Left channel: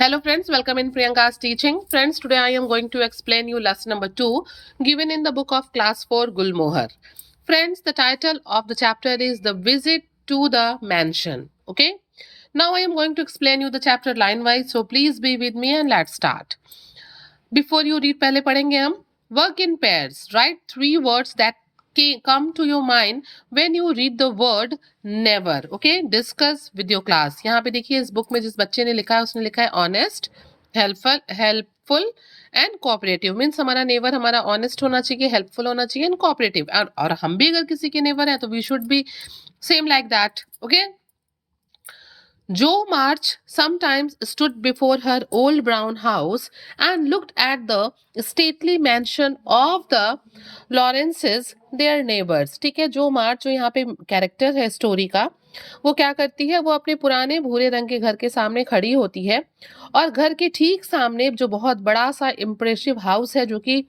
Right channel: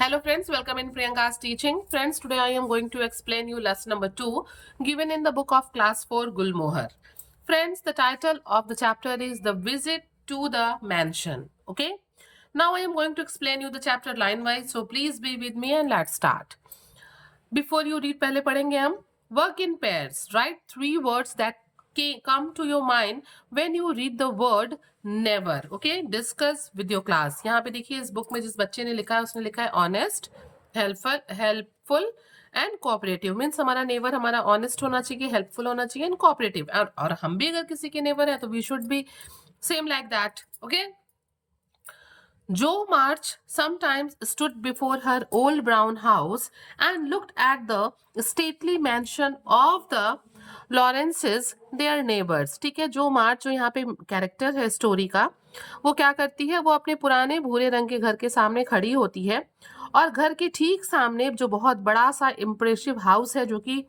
Hello friends, welcome in Priyanka's teaching. Friends, today I am going to explain you lesson number 2 given in the book of class 4 Gulmohar. Friends, the title of the chapter is The Visit to the Mansion. Okay? Now I am going to explain you the chapter line wise, so please be with me and let's start. Before you read, पहले पढ़ेंगे हम work in pairs. Write 3 words that come to your mind when you read the word never. Okay, discuss with your class. यहाँ पे देखिए इस book में जिस बच्चे ने लिखा है उसने लिखा है honest, helpful and cooperative. Means हमारा नेवर हमारा ऑनेस्ट होना चाहिए, हेल्पफुल होना चाहिए एंड कोऑपरेटिव. और हम भी अगर किसी के नेवर हैं तो we should be same like that. Okay. Jo March sometimes stood before her old brown house and looked at the stately mansion of the Lawrences, their neighbors. ठीक है, जो मार्च जो यहाँ पे कैरेक्टर है स्टोरी का, वो क्या करती है, वो अपने पुराने भूरे रंग के घर के सामने खड़ी होती है और घर के ठीक सामने जो बहुत बड़ा सा इम्प्रेसिव हाउस है जो कि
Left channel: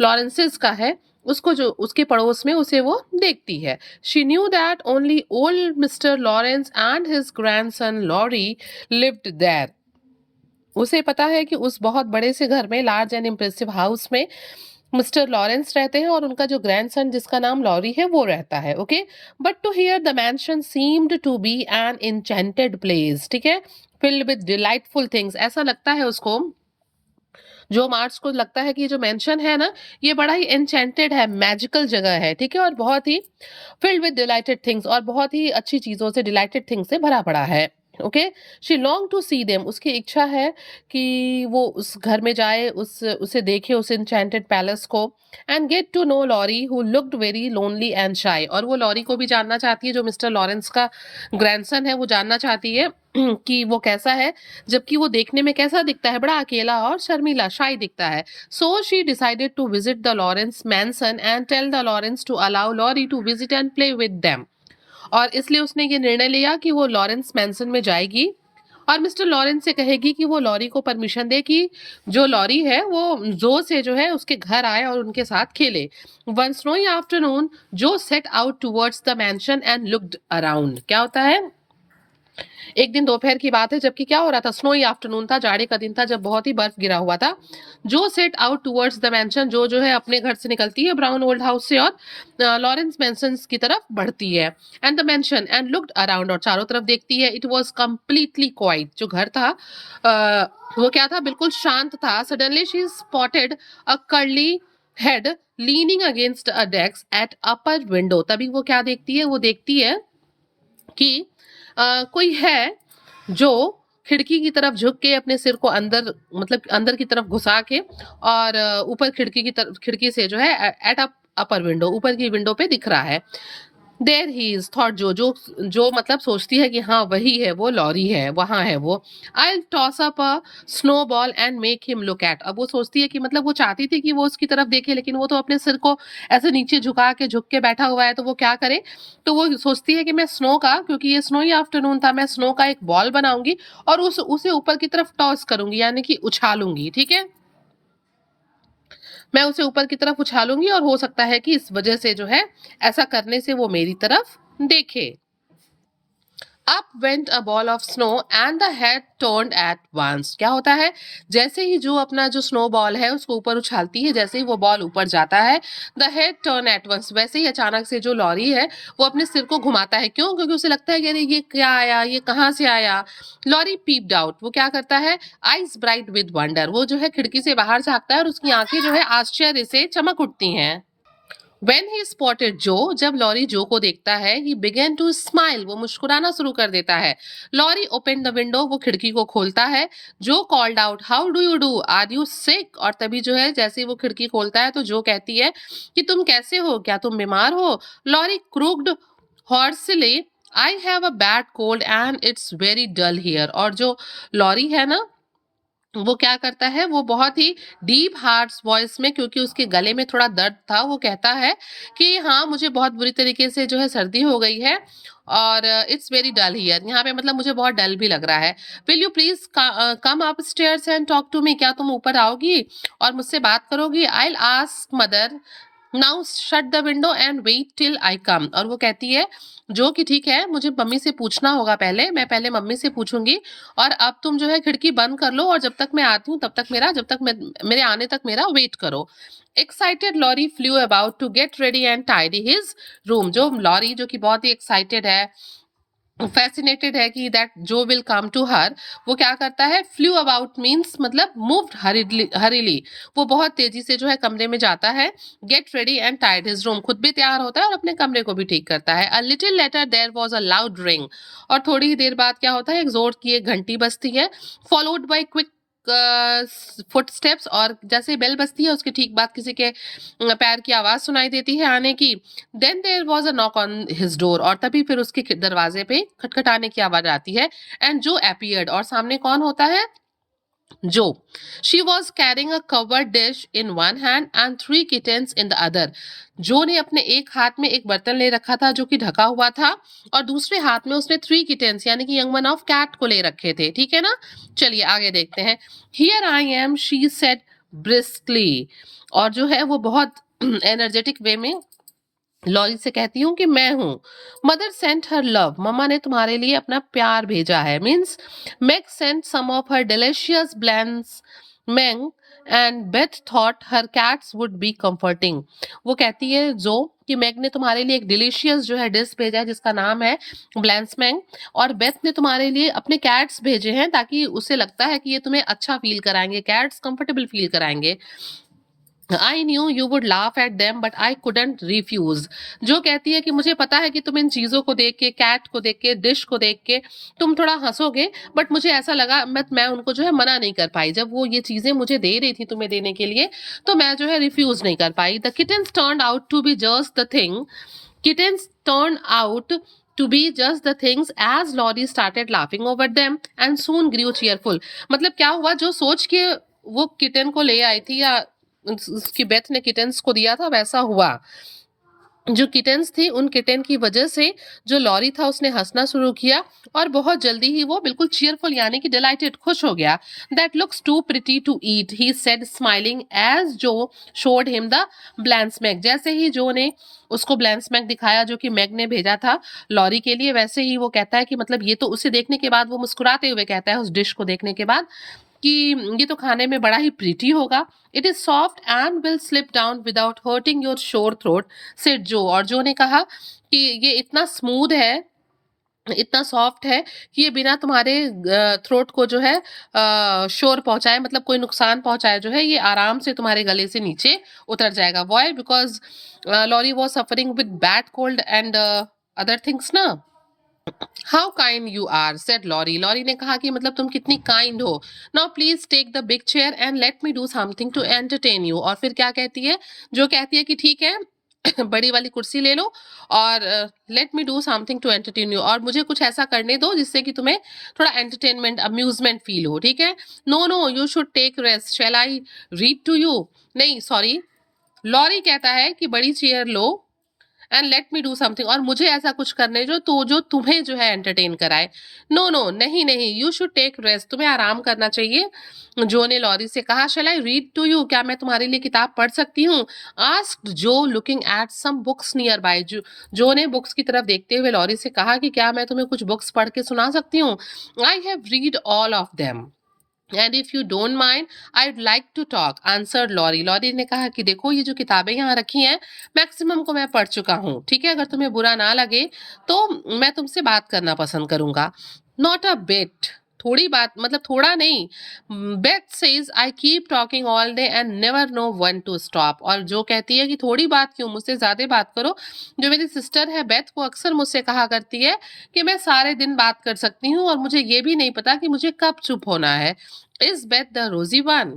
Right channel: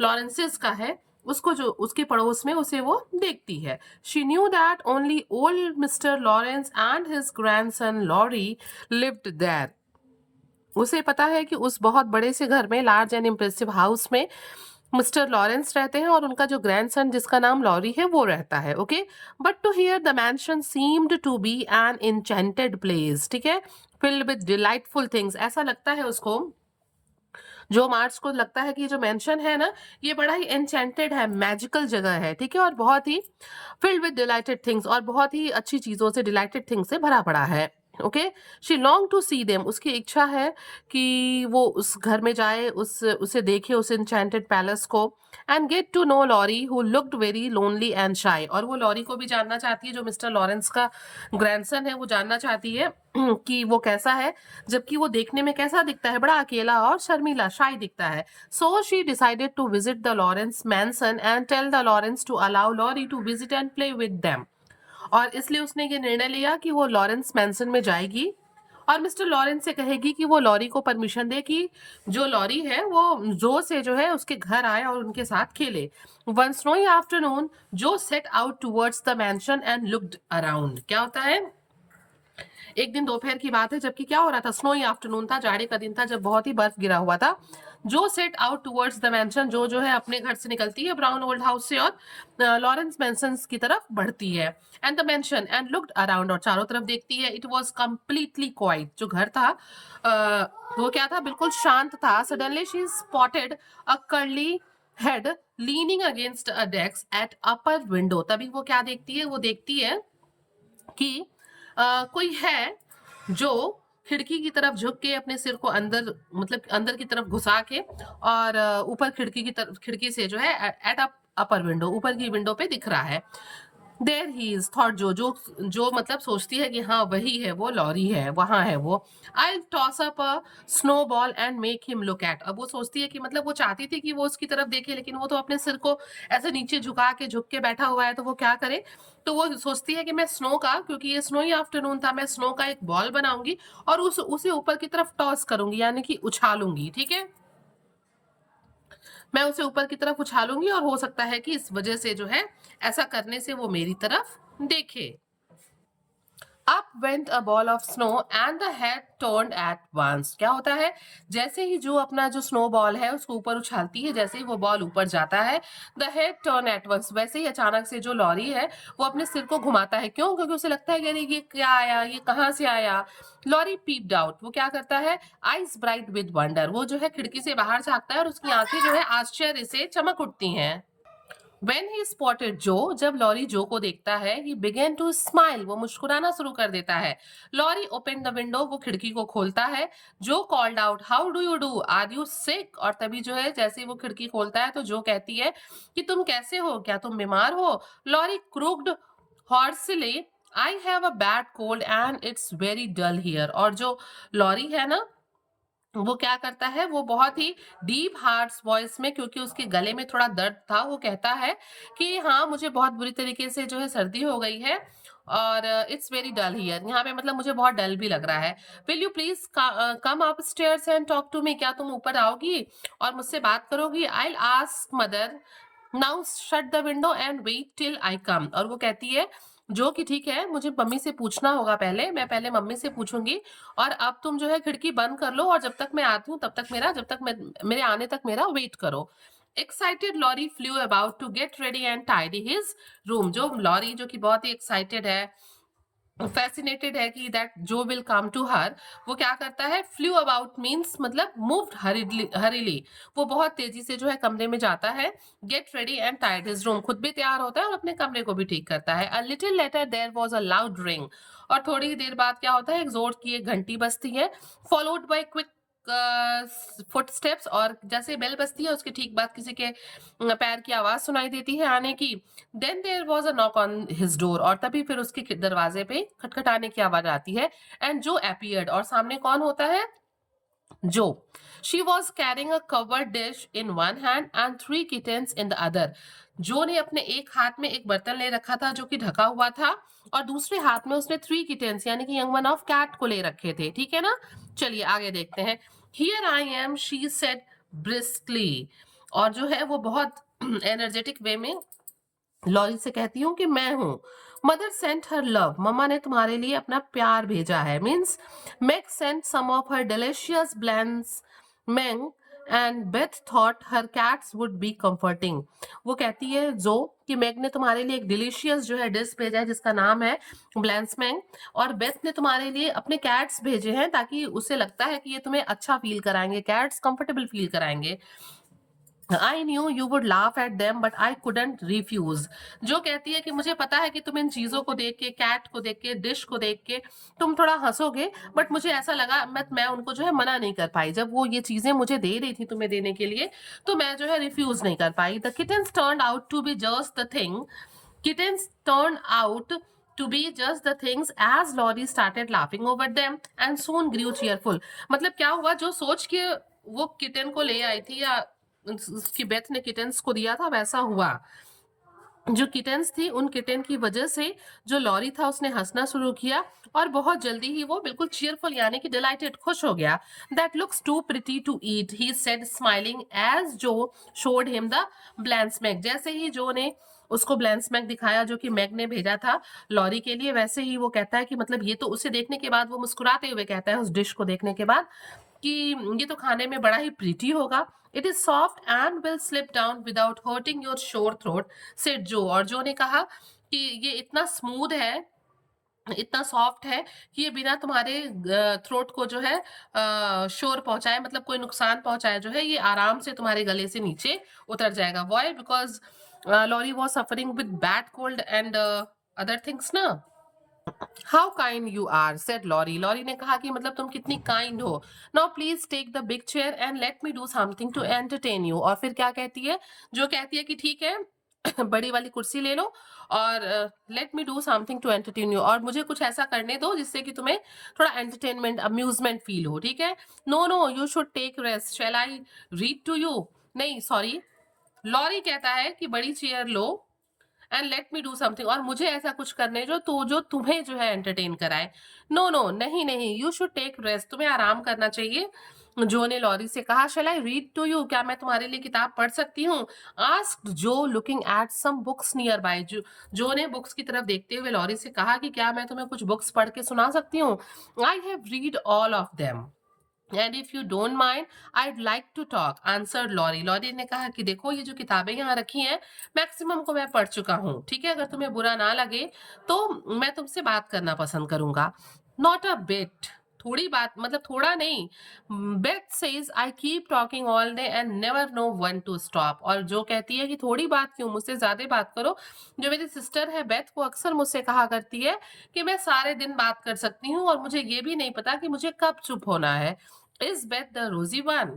लॉरेंसेस का है, उसको जो उसके पड़ोस में उसे वो देखती है. She knew that only old mister Laurence and his grandson Laurie lived there. उसे पता है कि उस बहुत बड़े से घर में, लार्ज एंड इम्प्रेसिव हाउस में मिस्टर लॉरेंस रहते हैं और उनका जो ग्रैंडसन जिसका नाम लॉरी है वो रहता है. Okay. But to hear the mansion seemed to be an enchanted place. ठीक है, फिल्ड विद डिलाइटफुल थिंग्स. ऐसा लगता है उसको, जो मार्च को लगता है कि ये जो मेंशन है ना, ये बड़ा ही एन्चेंटेड है, मैजिकल जगह है. ठीक है, और बहुत ही फिल्ड विद डिलाइटेड थिंग्स, और बहुत ही अच्छी चीजों से, डिलाइटेड थिंग्स से भरा पड़ा है. Okay. She long to see them. उसकी इच्छा है कि वो उस घर में जाए, उसे देखे, उस एन्चेंटेड पैलेस को. And get to know Laurie who looked very lonely and shy. और वो लॉरी को भी जानना चाहती है, जो मिस्टर लॉरेंस का ग्रैंडसन है, वो जानना चाहती है कि वो कैसा है, जबकि वो देखने में कैसा दिखता है, बड़ा अकेला और शर्मीला, शाय दिखता है. So she decided to visit the Laurence mansion and tell the Laurence to allow Laurie to visit and play with them. और इसलिए उसने ये निर्णय लिया कि वो लॉरेंस मैंसन में जाएगी और मिस्टर लॉरेंस से कहेगी कि वो लॉरी को परमिशन दे कि जो लॉरी है वो जो से जो है उसके घर आए और उनके साथ खेले. वन स्नोई आफ्टरनून जो set out towards the mention and looked around. क्या होता है, एक दिन दोपहर की बात है जबकि क्या हो रहा था, स्नोई आफ्टरनून था, जाड़े का दिन था जब बहुत ही बर्फ गिरा हुआ था. जो set out towards the mention, जो है अपने घर से निकलती है ब्राउन ओल्ड हाउस से और लॉरेंस मैंसन की तरफ बढ़ती है. And the mention and looked around, और चारों तरफ देखती है. It was completely quite. जो घर था वो क्या था, बिल्कुल शांत था. Suddenly she spotted a curly head leaning against a desk at upper window. तभी वो क्या देखती है, वो देखती है कि कोई है जो खिड़की की तरफ झुक के अपने सिर को अंदर, मतलब अंदर की तरफ घुसा के, और ऊपर खिड़की की तरफ, खिड़की से जो है एट अपर विंडो, ऊपर की विंडो पे दिख रहा है. देयर ही इज थॉट, जो मतलब सोचती है कि हाँ वही है, वो लॉरी है, वहां है वो. I toss up a snowball and make him look at. अब वो सोचती है कि मतलब वो चाहती थी कि वो उसकी तरफ देखे, लेकिन वो तो अपने सिर को ऐसे नीचे झुक के बैठा हुआ है, तो वो क्या करे. तो वो सोचती है कि मैं स्नो का, क्योंकि ये स्नोई आफ्टरनून था, मैं स्नो का एक बॉल बनाऊंगी और उसे ऊपर की तरफ टॉस करूंगी, यानी कि उछालूंगी. ठीक है, मैं उसे ऊपर की तरफ उछालूंगी और हो सकता है कि इस वजह से जो है, ऐसा करने से वो मेरी तरफ देखे. Up went a ball of snow and the head turned at once. क्या होता है, जैसे ही जो अपना जो स्नो बॉल है उसको ऊपर उछालती है, जैसे ही वो बॉल ऊपर जाता है, the head turn at once, वैसे ही अचानक से जो लॉरी है वो अपने सिर को घुमाता है. क्यों? क्योंकि उसे लगता है कि अरे ये क्या आया, ये कहाँ से आया. Laurie peeped out. वो क्या करता है, आइज ब्राइट विद वंडर, वो जो है खिड़की से बाहर झांकता है और उसकी आंखें जो है आश्चर्य से चमक उठती हैं. When he spotted Joe, जब लॉरी जो को देखता है, he began to smile, वो मुस्कुराना शुरू कर देता है. लॉरी opened the window, वो खिड़की को खोलता है. जो called out, how do you do? Are you sick? और तभी जो है, जैसे ही वो खिड़की खोलता है तो जो कहती है कि तुम कैसे हो, क्या तुम बीमार हो. Laurie croaked hoarsely, I have a bad cold and it's very dull here. और जो लॉरी है ना, वो क्या करता है, वो बहुत ही डीप हार्श वॉइस में, क्योंकि उसके गले में थोड़ा दर्द था, वो कहता है कि हाँ मुझे बहुत बुरी तरीके से जो है सर्दी हो गई है और इट्स वेरी डल हियर. यहाँ पे मतलब मुझे बहुत डल भी लग रहा है. Will you please come upstairs and talk to me, क्या तुम ऊपर आओगी और मुझसे बात करोगी. I will ask mother now shut the window and wait till I come. और वो कहती है जो कि ठीक है, मुझे मम्मी से पूछना होगा पहले, मैं पहले मम्मी से पूछूंगी, और अब तुम जो है खिड़की बंद कर लो, और जब तक मैं आती हूँ तब तक मेरा, जब तक मैं, मेरे आने तक मेरा वेट करो। Excited Laurie flew about to get ready and tidy his room. जो लॉरी जो कि बहुत ही एक्साइटेड है, फैसिनेटेड है कि दैट जो विल कम टू हर, वो क्या करता है, फ्लू अबाउट मीन्स मतलब मूव्ड हरीली, वो बहुत तेजी से जो है कमरे में जाता है। Get ready and tidy his room, खुद भी तैयार होता है और अपने कमरे को भी ठीक करता है। A little later there was a loud ring. और थोड़ी ही देर बाद क्या होता है, एक जोर की एक घंटी बजती है, फॉलोड बाय क्विक फुटस्टेप्स। और जैसे बेल बजती है उसके ठीक बाद किसी के पैर की आवाज सुनाई देती है आने की। Then there was a knock on his door. और तभी फिर उसके दरवाजे पे खटखटाने की आवाज आती है। एंड जो अपीयर्ड, और सामने कौन होता है, जो। She was carrying a covered dish in one hand and three kittens in the other. Jo ने अपने एक हाथ में एक बर्तन ले रखा था जो कि ढका हुआ था, और दूसरे हाथ में उसने थ्री किटेन्स यानी कि यंग वन ऑफ कैट को ले रखे थे। ठीक है ना, चलिए आगे देखते हैं। Here I am, she said briskly. और जो है वो बहुत एनर्जेटिक वे में लॉरी से कहती हूँ कि मैं हूँ। मदर सेंट हर लव, मम्मा ने तुम्हारे लिए अपना प्यार भेजा है। Means Meg sent some of her delicious blancmange and Beth thought her cats would be comforting. वो कहती है जो कि मैग ने तुम्हारे लिए एक डिलीशियस जो है डिश भेजा है जिसका नाम है ब्लैंसमैंग, और बेथ ने तुम्हारे लिए अपने कैट्स भेजे हैं ताकि उसे लगता है कि ये तुम्हें अच्छा फील कराएंगे, कैट्स कंफर्टेबल फील कराएंगे। I knew you would laugh at them but I couldn't refuse. जो कहती है कि मुझे पता है कि तुम इन चीजों को देख के, कैट को देख के, डिश को देख के तुम थोड़ा हंसोगे, बट मुझे ऐसा लगा मैं उनको जो है मना नहीं कर पाई। जब वो ये चीजें मुझे दे रही थी तुम्हें देने के लिए, तो मैं जो है रिफ्यूज नहीं कर पाई। The kittens turn out to be just the thing, kittens turn out to be just the things as Laurie started laughing over them and soon grew cheerful। मतलब क्या हुआ, जो सोच के वो किटन को ले आई थी, या उसकी बेथ ने किटन्स को दिया था, वैसा हुआ। जो किटेन्स थी उन किटेन की वजह से जो लॉरी था उसने हंसना शुरू किया, और बहुत जल्दी ही वो बिल्कुल चीयरफुल यानी कि डिलाइटेड, खुश हो गया। That looks too pretty to eat, he said smiling as Jo showed him the blancmange. जैसे ही जो ने उसको ब्लैंसमैग दिखाया जो कि मैग ने भेजा था लॉरी के लिए, वैसे ही वो कहता है कि मतलब ये तो, उसे देखने के बाद वो मुस्कुराते हुए कहता है उस डिश को देखने के बाद कि ये तो खाने में बड़ा ही प्रीटी होगा। It is soft and will slip down without hurting your शोर थ्रोट, सेड जो। और जो ने कहा कि ये इतना स्मूथ है, इतना सॉफ्ट है कि ये बिना तुम्हारे थ्रोट को जो है शोर पहुंचाए, मतलब कोई नुकसान पहुंचाए, जो है ये आराम से तुम्हारे गले से नीचे उतर जाएगा। Why, because Laurie was suffering with bad cold and other things ना। How kind you are, said Laurie. Laurie ने कहा कि मतलब तुम कितनी काइंड हो। Now please take the big chair and let me do something to entertain you. और फिर क्या कहती है, जो कहती है कि ठीक है बड़ी वाली कुर्सी ले लो, और let me do something to entertain you, और मुझे कुछ ऐसा करने दो जिससे कि तुम्हें थोड़ा एंटरटेनमेंट, अम्यूजमेंट फील हो। ठीक है, no no you should take rest, shall I read to you. नहीं सॉरी, लॉरी कहता है कि बड़ी चेयर लो and let me do something, और मुझे ऐसा कुछ करने जो तो जो तुम्हें जो है एंटरटेन कराए। नो नो नहीं नहीं, यू शुड टेक रेस्ट, तुम्हें आराम करना चाहिए। जो ने लॉरी से कहा, शैल आई रीड टू यू, क्या मैं तुम्हारे लिए किताब पढ़ सकती हूँ। Asked Jo looking at some books nearby. Jo ने बुक्स की तरफ देखते हुए लॉरी से कहा कि क्या मैं तुम्हें कुछ बुक्स पढ़ के सुना सकती हूँ। I have read all of them and if you don't mind I would like to talk, answered Laurie. Laurie ने कहा कि देखो ये जो किताबें यहाँ रखी हैं मैक्सिमम को मैं पढ़ चुका हूँ, ठीक है, अगर तुम्हें बुरा ना लगे तो मैं तुमसे बात करना पसंद करूंगा। नॉट अ बिट, थोड़ी बात मतलब थोड़ा नहीं। Beth says I keep talking all day and never know when to stop. और जो कहती है कि थोड़ी बात क्यों, मुझसे ज्यादा बात करो। जो मेरी सिस्टर है बेथ, वो अक्सर मुझसे कहा करती है कि मैं सारे दिन बात कर सकती हूँ और मुझे ये भी नहीं पता कि मुझे कब चुप होना है। Is Beth the rosy one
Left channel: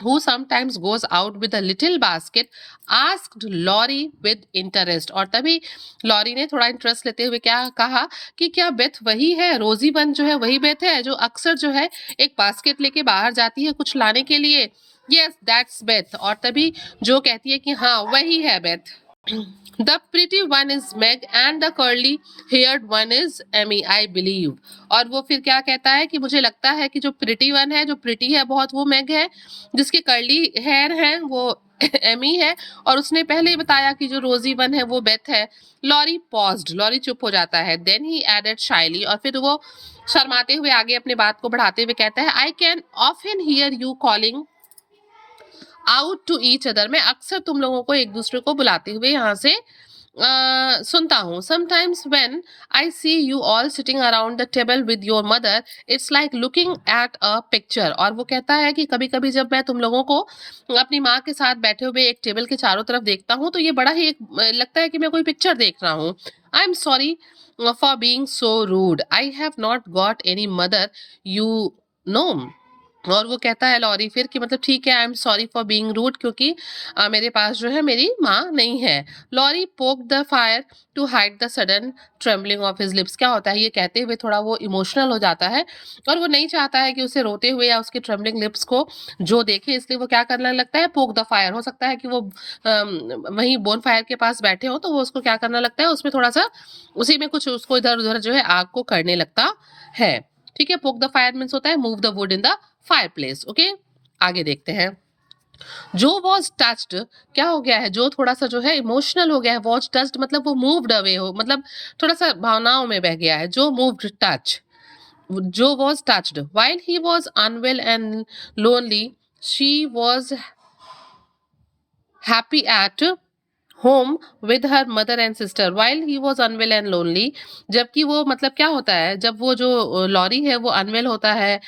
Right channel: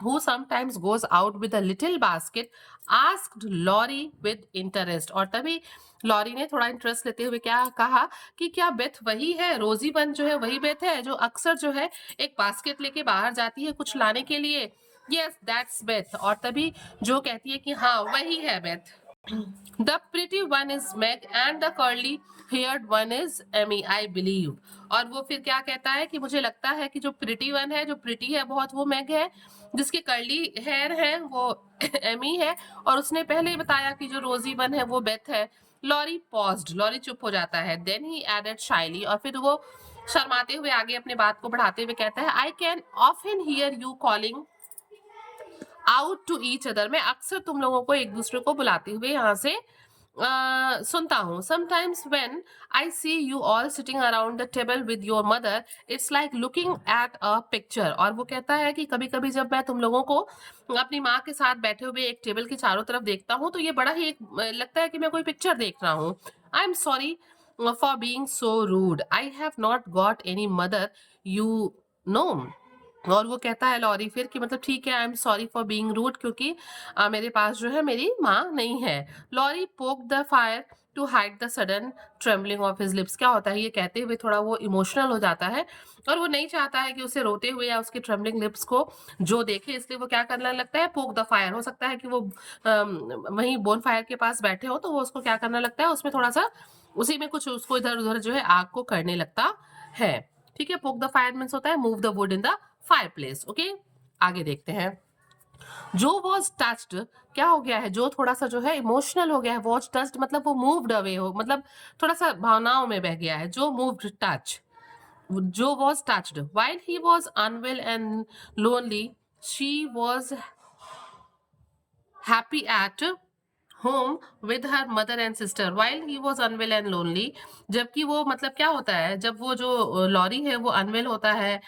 who sometimes goes out with a little basket? Asked Laurie with interest। और तभी लॉरी ने थोड़ा इंटरेस्ट लेते हुए क्या कहा कि क्या बेथ वही है, रोजी वन जो है वही बेथ है जो अक्सर जो है एक बास्केट लेके बाहर जाती है कुछ लाने के लिए। Yes that's Beth. और तभी जो कहती है कि हाँ वही है Beth. The pretty one is Meg and the curly haired one is Emmy, I believe. और वो फिर क्या कहता है कि मुझे लगता है कि जो प्रिटी वन है, जो प्रिटी है बहुत, वो मैग है, जिसके कर्ली हेयर है वो एमी है, और उसने पहले ही बताया कि जो रोजी वन है वो बेथ है। लॉरी पॉज्ड, लॉरी चुप हो जाता है। देन ही एडेड शाइली, और फिर वो शर्माते हुए आगे अपने बात को बढ़ाते हुए कहता है, I can often hear you calling out to each other, मैं अक्सर तुम लोगों को एक दूसरे को बुलाते हुए यहाँ से सुनता हूँ। Sometimes when I see you all sitting around the table with your mother, it's like looking at a picture. और वो कहता है कि कभी कभी जब मैं तुम लोगों को अपनी माँ के साथ बैठे हुए एक टेबल के चारों तरफ देखता हूँ तो ये बड़ा ही लगता है कि मैं कोई पिक्चर देख रहा हूँ। I am sorry for being so rude, I have not got any mother, you know. और वो कहता है लॉरी फिर कि मतलब ठीक है, I am sorry for being rude, क्योंकि मेरे पास जो है मेरी माँ नहीं है। Laurie poke the fire to hide the sudden trembling of his lips, क्या होता है ये कहते हुए थोड़ा वो इमोशनल हो जाता है, और वो नहीं चाहता है कि उसे रोते हुए या उसके ट्रेम्बलिंग लिप्स को जो देखे, इसलिए वो क्या करने लगता है, पोक द फायर। हो सकता है कि वो वहीं बोन फायर के पास बैठे हो तो वो उसको क्या करना लगता है, उसमें थोड़ा सा उसी में कुछ उसको इधर उधर जो है आग को करने लगता है। ठीक है, पोक द फायर मीन्स होता है move the would in the fireplace. Okay, आगे देखते हैं। जो वॉज टच्ड, क्या हो गया है, जो थोड़ा सा जो है इमोशनल हो गया है। वॉज टच्ड मतलब वो मूव्ड अवे हो, मतलब थोड़ा सा भावनाओं में बह गया है। Jo moved touch, Jo was touched while he was unwell and lonely, she was happy at home with her mother and sister while he was unwell and lonely. जबकि वो मतलब क्या होता है, जब वो जो लॉरी है वो अनवेल होता है,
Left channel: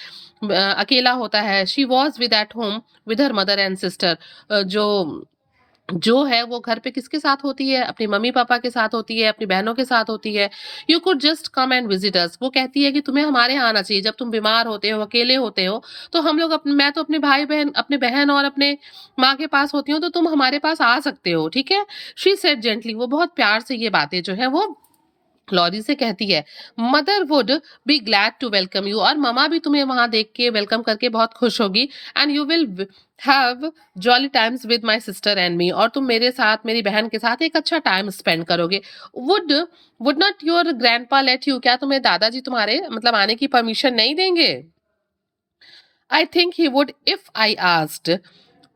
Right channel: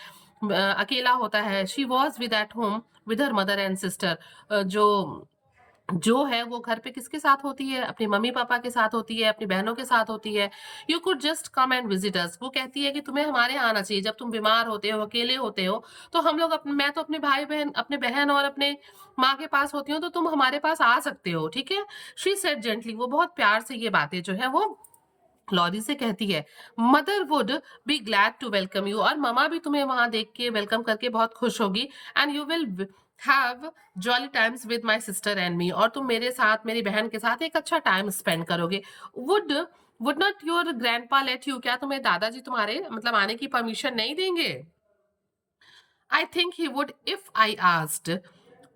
अकेला होता है। She was with eight home with her mother and sister, जो जो है वो घर पे किसके साथ होती है, अपनी मम्मी पापा के साथ होती है, अपनी बहनों के साथ होती है। You could just come and visit us, वो कहती है कि तुम्हें हमारे यहाँ आना चाहिए, जब तुम बीमार होते हो, अकेले होते हो, तो हम लोग मैं तो अपने भाई बहन, अपने बहन और अपने माँ के पास होती हूँ, तो तुम हमारे पास आ सकते हो, ठीक है। शी सेड जेंटली, वो बहुत प्यार से ये बातें जो है वो लॉरी से कहती है। Mother would be glad to welcome you, और ममा भी तुम्हें वहां देख के वेलकम करके बहुत खुश होगी। And you will have jolly times with my sister and me, और तुम मेरे साथ, मेरी बहन के साथ एक अच्छा टाइम स्पेंड करोगे। Would would not your grandpa let you, क्या तुम्हें दादाजी तुम्हारे मतलब आने की परमिशन नहीं देंगे। I think he would if I asked,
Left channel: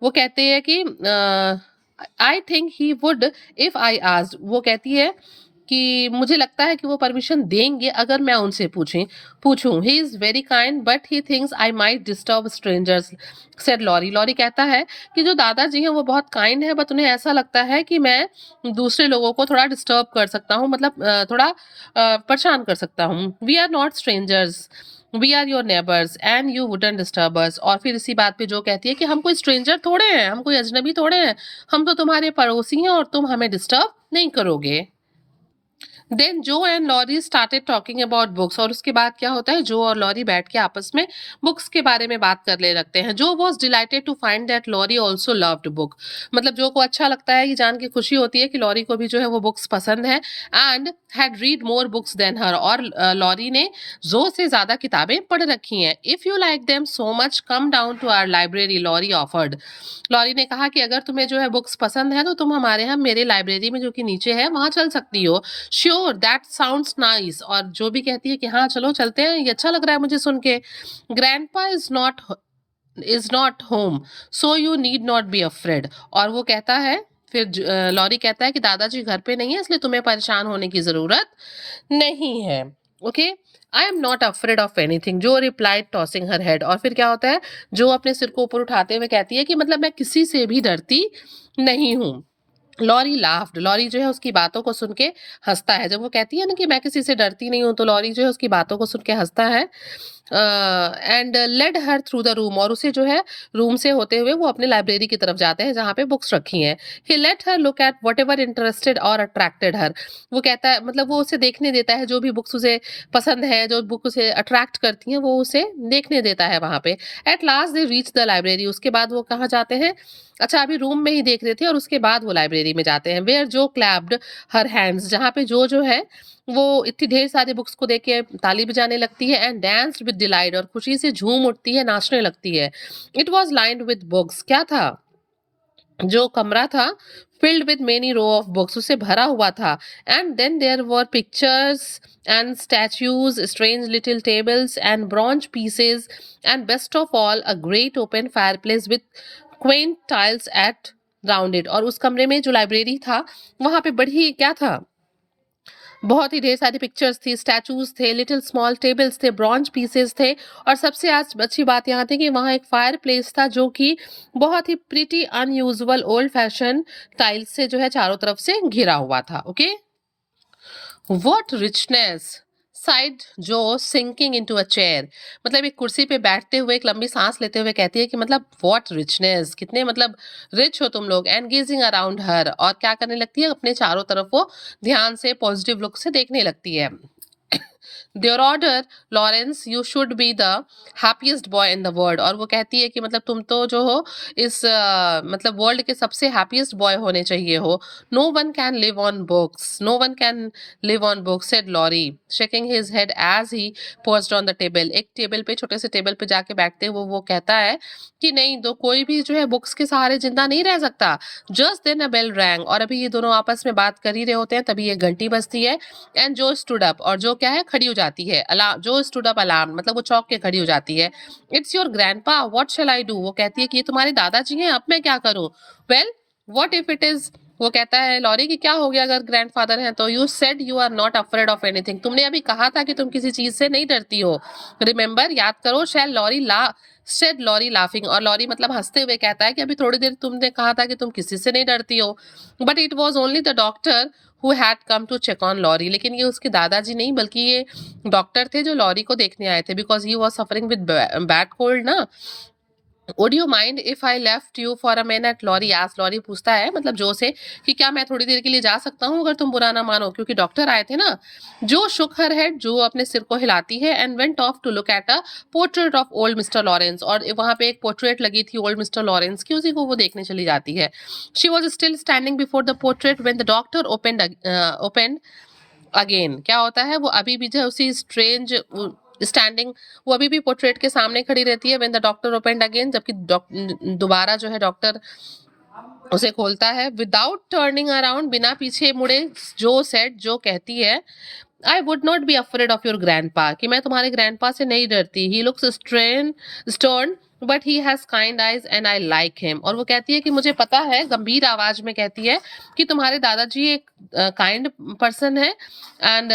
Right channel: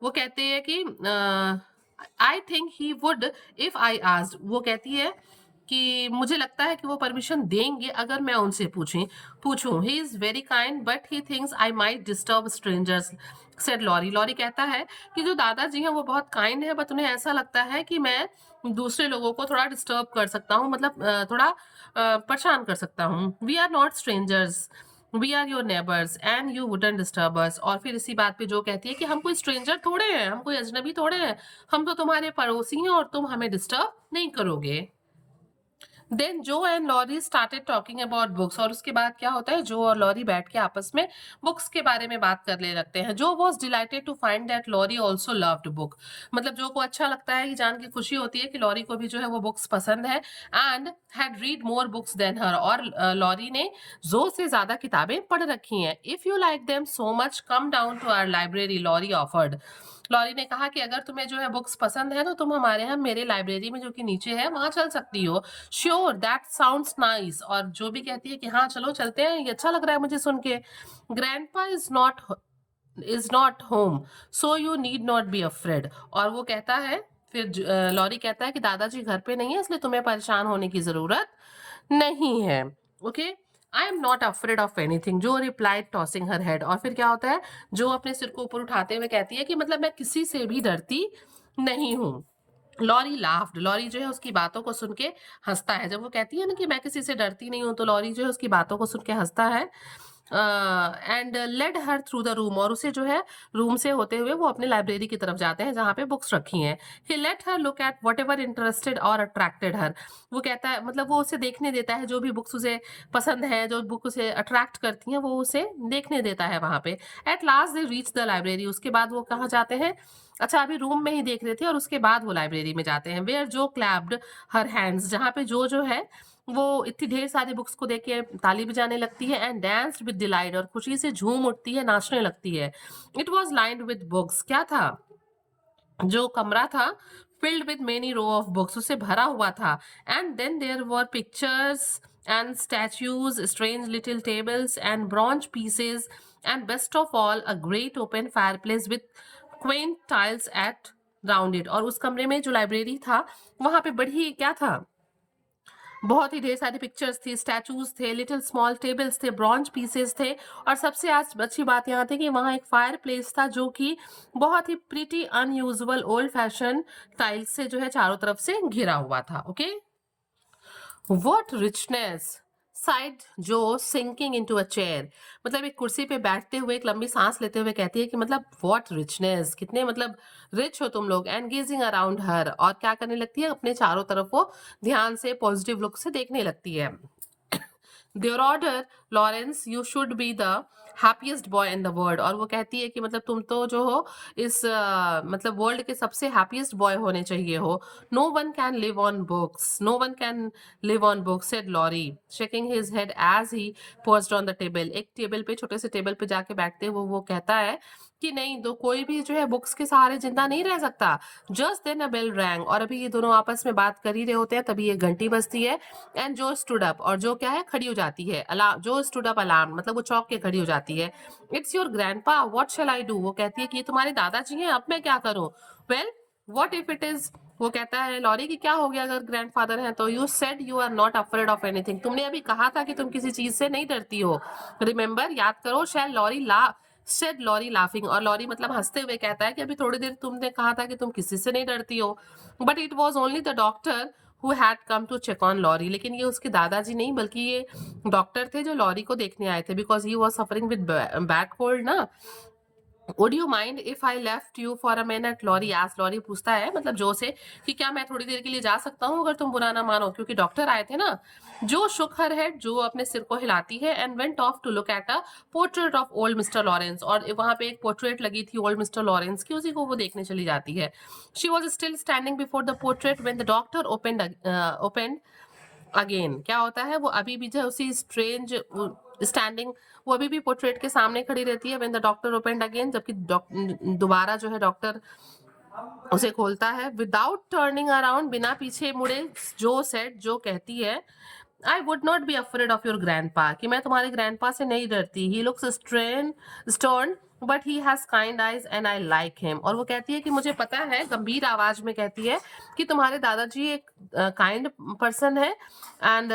वो कहते हैं कि I think he would if I asked, वो कहती है कि मुझे लगता है कि वो परमिशन देंगे अगर मैं उनसे पूछूं। He is very kind but he thinks I might disturb strangers, said Laurie. Laurie कहता है कि जो दादाजी हैं वो बहुत काइंड है, बट उन्हें ऐसा लगता है कि मैं दूसरे लोगों को थोड़ा डिस्टर्ब कर सकता हूँ, मतलब थोड़ा परेशान कर सकता हूँ। We are not strangers, we are your neighbours and you wouldn't disturb us. और फिर इसी बात पे जो कहती है कि हम कोई स्ट्रेंजर थोड़े हैं, हम कोई अजनबी थोड़े हैं, हम तो तुम्हारे पड़ोसी हैं और तुम हमें डिस्टर्ब नहीं करोगे। Then Jo and Laurie started talking about books, और उसके बाद क्या होता है, जो और लॉरी बैठ के आपस में बुक्स के बारे में बात करने लगते हैं। Jo was delighted to find that Laurie also loved book, मतलब जो को अच्छा लगता है, ये जान के खुशी होती है कि लॉरी को भी जो है वो बुक्स पसंद है। And had read more books than her, और लॉरी ने जो से ज्यादा किताबें पढ़ रखी हैं। If you like them so much come down to our library, Laurie offered. Laurie ने कहा कि अगर तुम्हें जो है बुक्स पसंद है तो तुम हमारे यहाँ मेरे लाइब्रेरी में जो कि नीचे है वहां चल सकती हो। श्योर दैट साउंड्स नाइस, और जो भी कहती है कि हाँ चलो चलते हैं, ये अच्छा लग रहा है मुझे सुन के। Grandpa is not home so you need not be afraid, और वो कहता है फिर लॉरी कहता है कि दादाजी घर पे नहीं है, इसलिए तुम्हें परेशान होने की जरूरत नहीं है। Okay, I am not afraid of anything, जो रिप्लाइड टॉसिंग हर हेड। और फिर क्या होता है, जो अपने सिर को ऊपर उठाते हुए कहती है कि मतलब मैं किसी से भी डरती नहीं हूँ। लॉरी लाफ्ड, लॉरी जो है उसकी बातों को सुन के हंसता है। जब वो कहती है ना कि मैं किसी से डरती नहीं हूँ, तो लॉरी जो है उसकी बातों को सुन के हंसता है। And led her through the room, और उसे जो है रूम से होते हुए वो अपने लाइब्रेरी की तरफ जाते हैं जहाँ पे बुक्स रखी हैं। He let her look at whatever interested और अट्रैक्टेड हर, वो कहता है मतलब वो उसे देखने देता है, जो भी बुक्स उसे पसंद है, जो बुक उसे अट्रैक्ट करती हैं वो उसे देखने देता है वहाँ पे। At last they reach the library, उसके बाद वो कहाँ जाते हैं, अच्छा अभी रूम में ही देख रहे थे, और उसके बाद वो लाइब्रेरी में जाते हैं। वेयर जो क्लैप्ड हर हैंड्स, जहाँ पे जो है वो इतनी ढेर सारी बुक्स को देख के ताली बजाने लगती है। एंड डांस्ड विद डिलाइट, और खुशी से झूम उठती है, नाचने लगती है। It was lined with books, क्या था, जो कमरा था filled with many row of books, उससे भरा हुआ था. And then there were pictures and statues, strange little tables and bronze pieces, and best of all a great open fireplace with quaint tiles at round it. और उस कमरे में जो library था वहां पे बड़ी क्या था, बहुत ही ढेर सारी पिक्चर्स थी, स्टैचूज थे, लिटिल स्मॉल टेबल्स थे, ब्रॉन्ज पीसेस थे, और सबसे आज अच्छी बात यहाँ थी कि वहाँ एक फायर प्लेस था जो कि बहुत ही pretty unusual old fashion tiles से जो है चारों तरफ से घिरा हुआ था. Okay, what richness sighed Jo sinking into a chair. मतलब एक कुर्सी पे बैठते हुए एक लंबी सांस लेते हुए कहती है कि मतलब व्हाट रिचनेस, कितने मतलब रिच हो तुम लोग. एंड गेजिंग अराउंड हर, और क्या करने लगती है, अपने चारों तरफ वो ध्यान से पॉजिटिव लुक से देखने लगती है. Theodore Laurence you should be the happiest boy in the world. और वो कहती है कि मतलब तुम तो जो हो इस मतलब वर्ल्ड के सबसे हैप्पीएस्ट बॉय होने चाहिए हो. No one can live on books, no one can live on books said Laurie shaking his head as he perched on the table. एक टेबल पे, छोटे से टेबल पे जाके बैठते हुए वो कहता है कि नहीं, दो कोई भी जो है बुक्स के सहारे जिंदा नहीं रह सकता. जस्ट देन अ बेल रैंग, और अभी ये दोनों आपस में बात कर ही रहे होते हैं तभी ये घंटी बजती है. एंड जो स्टूड अप, और जो क्या है, खड़ी हो जाती है. अलार्म, जो स्टूड अप अलार्म मतलब वो चौंक के खड़ी हो जाती है. It's your grandpa, what shell I do. वो कहती है कि ये तुम्हारे दादाजी हैं, अब मैं क्या करूं. Well what if it is, वो कहता है लॉरी कि क्या हो गया अगर ग्रैंडफादर हैं तो. You said you are not afraid of anything, तुमने अभी कहा था कि तुम किसी चीज से नहीं डरती हो. रिमेंबर, याद करो. शैल लॉरी ला सेड लॉरी लाफिंग, और लॉरी मतलब हंसते हुए कहता है कि अभी थोड़ी देर तुमने कहा था कि तुम किसी से नहीं डरती हो. But it was only the doctor who had come to check on Laurie. लेकिन ये उसके दादाजी नहीं बल्कि ये डॉक्टर थे जो लॉरी को देखने आए थे, because he was suffering with bad cold ना. Would you mind if I left you for a minute, lorry आज. लॉरी पूछता है मतलब जो से कि क्या मैं थोड़ी देर के लिए जा सकता हूँ अगर तुम बुरा ना मानो, क्योंकि डॉक्टर आए थे ना. जो शुक हर हेड, जो अपने सिर को हिलाती है. And went off to look at a portrait of old mister Laurence, और वहां पे एक पोर्ट्रेट लगी थी ओल्ड मिस्टर लॉरेंस की, उसी को वो देखने चली जाती है. She was still standing before the portrait when the doctor opened again. क्या होता है, वो अभी भी जो उसी स्ट्रेंज स्टैंडिंग, वो अभी भी पोर्ट्रेट के सामने खड़ी रहती है. When the doctor opened again, जबकि दोबारा जो है डॉक्टर उसे खोलता है. विदाउट टर्निंग अराउंड, बिना पीछे मुड़े, जो सेड, जो कहती है I would not be afraid of your grandpa, कि मैं तुम्हारे ग्रैंडपा से नहीं डरती. He looks stern but he has kind eyes and I like him. और वो कहती है कि मुझे पता है, गंभीर आवाज में कहती है कि तुम्हारे दादाजी एक काइंड पर्सन है, एंड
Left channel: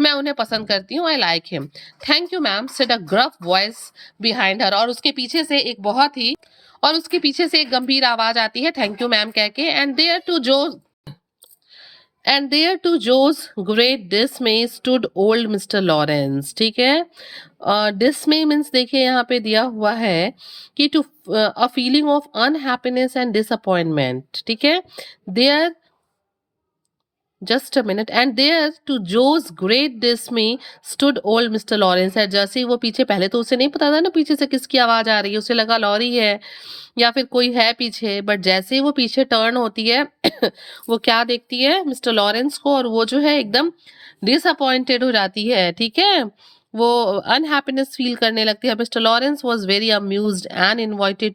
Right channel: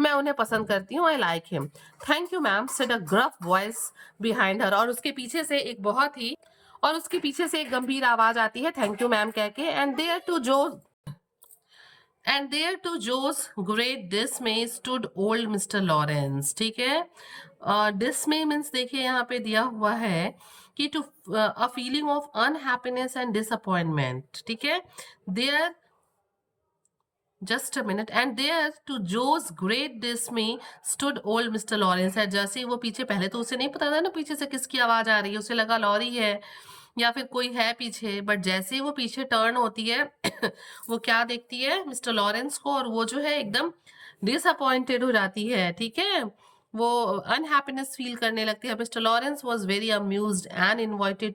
मैं उन्हें पसंद करती हूँ. I like him. Thank you ma'am said a gruff voice behind her. और उसके पीछे से एक बहुत ही, और उसके पीछे से एक गंभीर आवाज आती है थैंक यू मैम कह के. And there to Jo's great dismay stood old mister Laurence. ठीक है, डिसमे मीन्स देखिए यहाँ पे दिया हुआ है कि to a feeling of unhappiness and disappointment. ठीक है, there just a minute. And there to Jo's great dismay stood old mister Laurence. है जैसे ही वो पीछे, पहले तो उसे नहीं पता था ना पीछे से किसकी आवाज आ रही है, उसे लगा लॉरी है या फिर कोई है पीछे. बट जैसे ही वो पीछे टर्न होती है वो क्या देखती है, मिस्टर लॉरेंस को, और वो जो है एकदम डिसअपॉइंटेड हो जाती है. ठीक है, वो अनहैप्पीनेस फील करने लगती है. Mister Lawrence was very amused and invited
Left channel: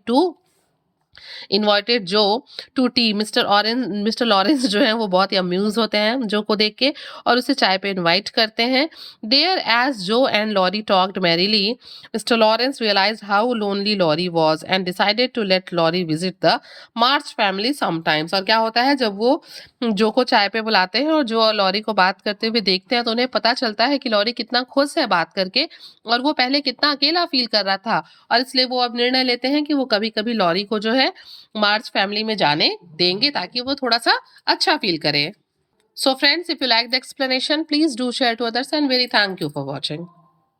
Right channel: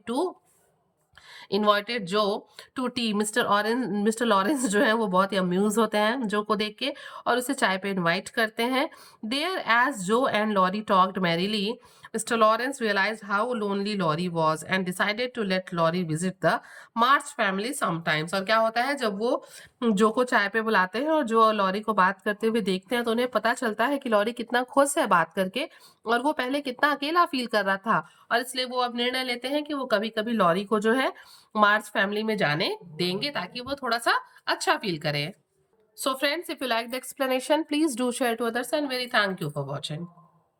जो टू टी. मिस्टर लॉरेंस जो है वो बहुत ही अम्यूज होते हैं जो को देख के, और उसे चाय पे इनवाइट करते हैं. There as Jo and Laurie talked merrily, Mr Laurence realise how lonely Laurie was and decided to let Laurie visit the March family sometimes. और क्या होता है, जब वो जो को चाय पे बुलाते हैं और जो लॉरी को बात करते हुए देखते हैं तो उन्हें पता चलता है कि लॉरी कितना खुश है बात करके, और वो पहले कितना अकेला फील कर रहा था. और इसलिए वो अब निर्णय लेते हैं कि वो कभी कभी लॉरी को जो है मार्च फैमिली में जाने देंगे ताकि वो थोड़ा सा अच्छा फील करे. So friends, if you like the explanation please do share to others and very thank you for watching.